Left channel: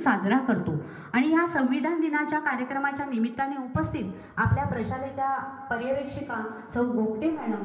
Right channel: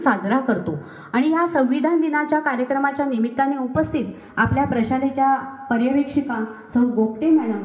साजरा करतो। आणि या संविधान दिनाच्या कार्यक्रमाच्या निमित्ताने उपस्थित आपल्या प्रशालेच्या पर्यवेक्षिका सौ गोगटे मॅडम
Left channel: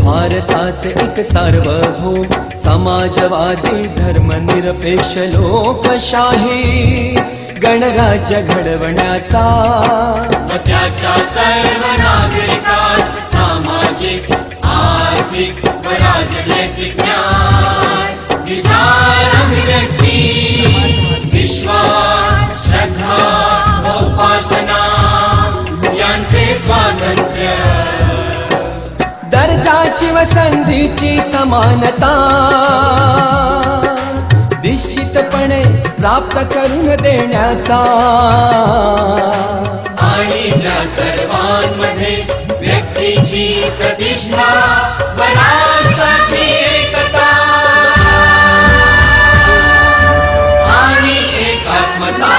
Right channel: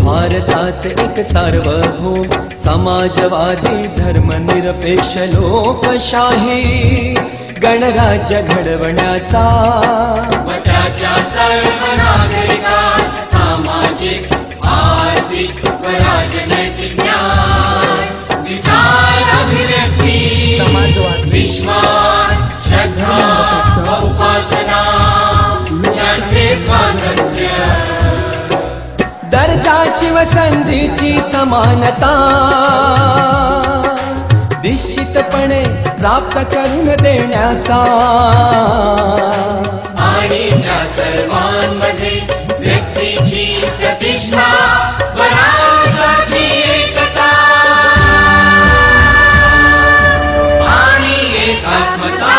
भारताचे एक सार्वभौम समाजवादी धर्मनिरपेक्ष लोकशाही गणराज्य घडवण्याचा त्याच्या सर्व नागरिकास सामाजिक आर्थिक व राजनैतिक न्याय विचार अभिव्यक्ती विश्वास श्रद्धा व उपासना यांचे स्वातंत्र्य दर्जाची व संधीची समानता निश्चितपणे प्राप्त करून देण्याचा आणि त्या सर्वांमध्ये व्यक्तीची प्रतिष्ठा व राष्ट्राची एकता आणि एकात्मता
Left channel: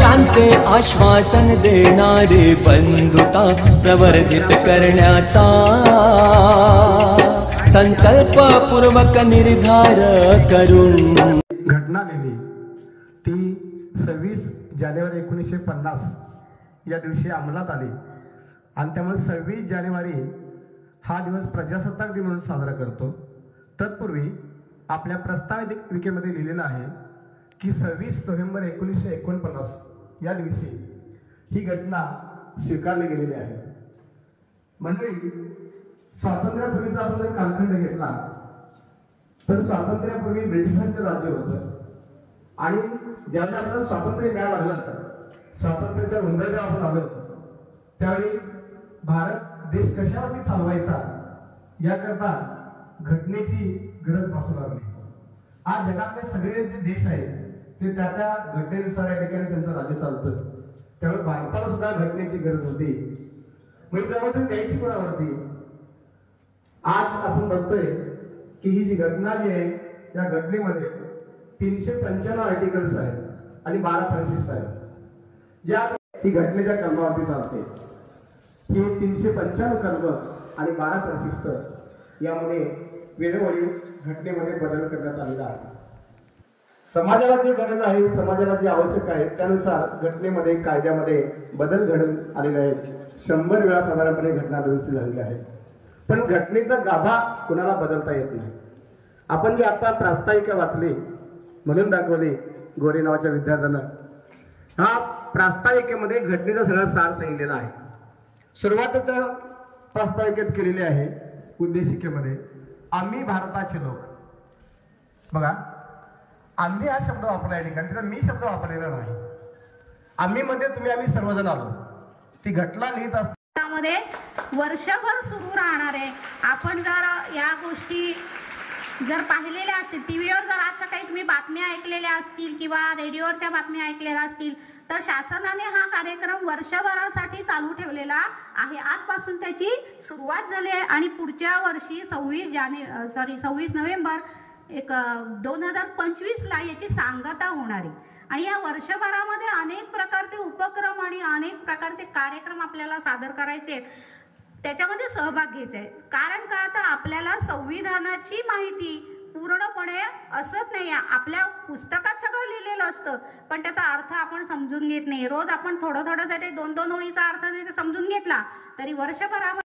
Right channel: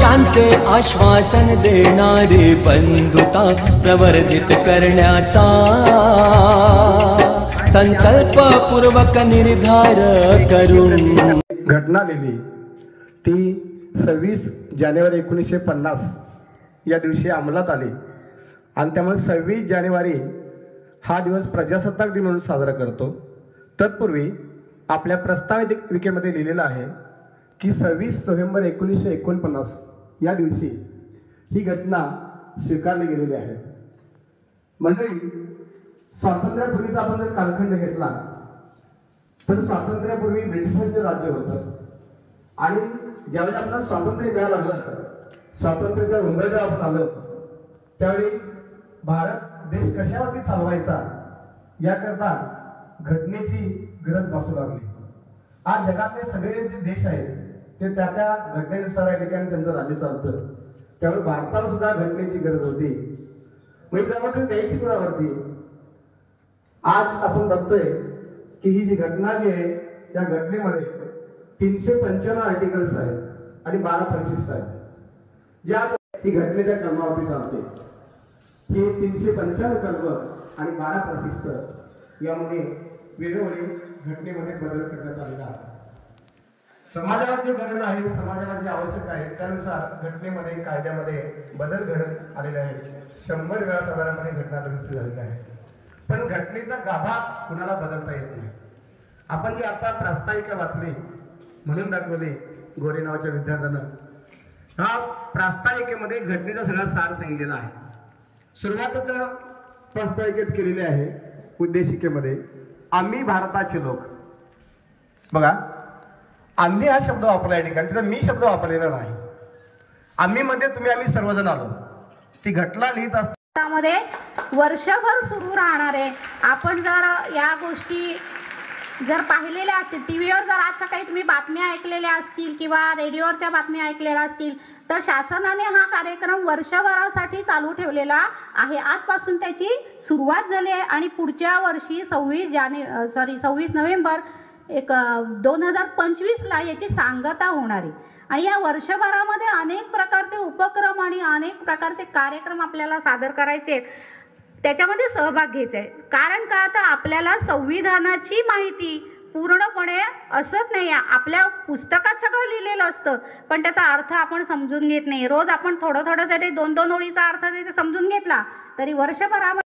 यांचे आश्वासन देणारी बंधुता प्रवर्धित करण्याचा संकल्पपूर्वक निर्धार करून घटना लिहिली ती 26 जानेवारी 1950 या दिवशी अंमलात आली आणि त्यामुळे 26 जानेवारी हा दिवस प्रजासत्ताक दिन म्हणून साजरा करतो। तत्पूर्वी आपल्या प्रस्ताविकेमध्ये लिहिलेलं आहे की 26 नोव्हेंबर 1949 या दिवशी ही घटना स्वीकारली गेलेली आहे। म्हणजे स्वातंत्र्यापूर्वीचा आपण जर कालखंड घेतला तर स्वातंत्र्यापूर्वी ब्रिटिशांचे राज्य होतं आणि ज्यावेळी आपल्याला स्वातंत्र्य मिळायला लागलं, स्वातंत्र्याच्या उंबरठ्यावर आपण आलो, त्यावेळी भारत देश कशावरती चालवायचा याकरता घटनेची गरज भासू लागली। आज जगातले सगळे जे देश आहेत ते त्या त्या घटनेनुसार या ठिकाणी त्यांचं राज्य चालतं, त्यामुळे भारताला सुद्धा घटनेची गरज होती। म्हणजे त्यामध्ये द्यायची कोणावरती आज आपण बघतोय की ही जी घटना जी आहे त्या घटनेमध्ये 395 आर्टिकल्स आहेत आणि 12 परिशिष्ट आहेत, ज्या ही घटनेच्या कलमावरती चालते। ही 395 कलम आणि 12 परिशिष्ट यामध्ये वेळोवेळी घटनेमध्ये बदल करण्यात आलेला आहे। समाजाला जी गरज आहे, समाजाला जी आवश्यक आहे त्यानुसार घटनेमध्ये कायद्यामध्ये बदल घडून आलेले आहेत। 100 वेळा साधारणपणे घटना दुरुस्ती झालेली आहे, पण घटनेचा गाभा कुणाला बदलता येत नाही। आपण जी आता प्रास्ताविका वाचली म्हणून दाखवली गोरे नावाच्या विद्यार्थ्यानं, हा प्रास्ताविकेमध्ये घटनेचा सगळा सार सांगितलेला आहे। सुरुवातच प्रास्ताविकेत केलेली आहे उद्देशिकेमध्ये, आम्ही भारताचे लोक। बघा, आम्ही हा शब्द वापरला या ठिकाणी, तिथं मी शब्द वापरलेला नाही। आम्ही मध्ये तुम्ही आम्ही सर्वजण आलो। ती घटना लिहित असताना मध्ये वर्षभर सुरू राहणार आहे। आपण जर या गोष्टी जर पाहिलेल्या असतील, टीव्हीवर जर आज सकाळी तुम्ही बातम्या ऐकलेल्या असतील किंवा रेडिओवरच्या बातम्या ऐकलेल्या असतील, तर शासनाने हा कार्यक्रम वर्षभरासाठी चालू ठेवलेला आहे। आजपासून त्याची सुरुवात झाली आहे आणि पुढच्या वर्षी 26 नोव्हेंबर 2025 ला याची सांगता होणार आहे। आणि या वर्षभरामध्ये अनेक प्रकारचे उपक्रम आणि अनेक प्रकारचे कार्यक्रम आपल्याला सादर करायचे आहेत, त्याच्यामध्ये सहभाग घ्यायचा आहे। कारण का, आता आपल्याला संविधानाची माहिती पूर्णपणे असत नाही। आपल्या पुस्तकात सगळं लिहिलेलं असतं, पण त्याचा अर्थ आपण समजून घेत नाही। रोज आपण थोडं थोडं जरी 2-2 ओळीचा अर्थ जरी समजून घेतला तरी वर्षभरामध्ये